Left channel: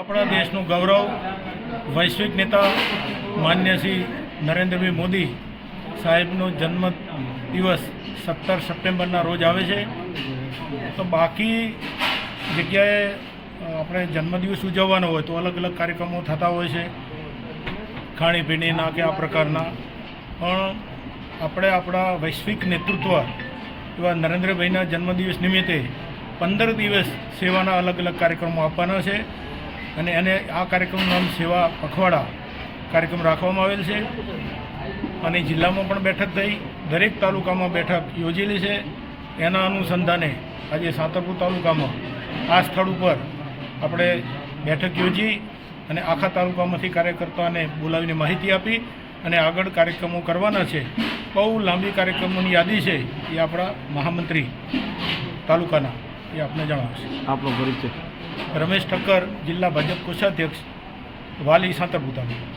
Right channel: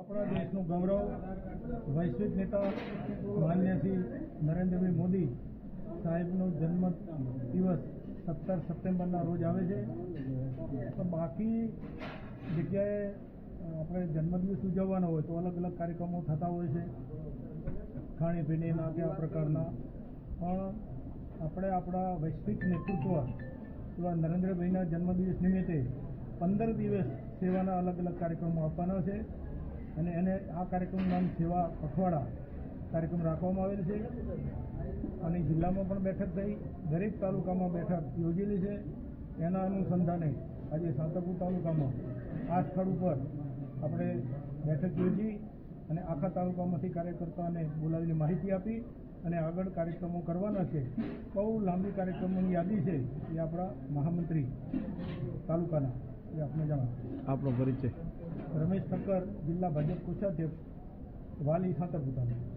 આપણા દેશનું ગૌરવ વૈશ્વિક નેતા માન્ય શ્રી નરેન્દ્રભાઈ મોદી સાહેબનો જન્મ દિવસ 17 સપ્ટેમ્બરના રોજ આવે છે. તો બાકી જગ્યાએ આપણે જન્મદિવસ ઉજવવાનો હોય તો અલગ અલગ કાર્યક્રમો થતા હોય છે, ખાણીપીણીના કે આ પ્રકારના. પણ આપણે આપણા વૈશ્વિક નેતૃત્વ એવા નરેન્દ્રભાઈના જન્મદિવસ નિમિત્તે 15 દિવસ સેવાના અલગ અલગ કાર્યક્રમો આપવાના છે અને એને આ કાર્યક્રમનું નામ સેવા પખવાડા કાર્યક્રમ રાખવામાં આવેલ છે. અને જિલ્લામાં પણ બેઠક થઈ, દરેક તાલુકામાં બેઠક યોજેલી છે. એના અનુસંધાને આજે સાંતરપુર તાલુકામાં આ સ્થળ ઉપર આપણે બેઠક યોજી અને આખા તાલુકામાંથી કાર્યકર્તાઓને બોલાવીને માહિતી આપી અને આગળ કાર્યક્રમો કરવાના છે. બહુ લાંબી કાર્યક્રમોની યાદી છે, એ આપણા મહામંત્રી તાલુકાના એ આપને જણાવશે. આપનો પરિચય? રમેશ ઠક્કર, જિલ્લા ભાજપ કોષાધ્યક્ષ, વાલી સાંતરપુર તાલુકા.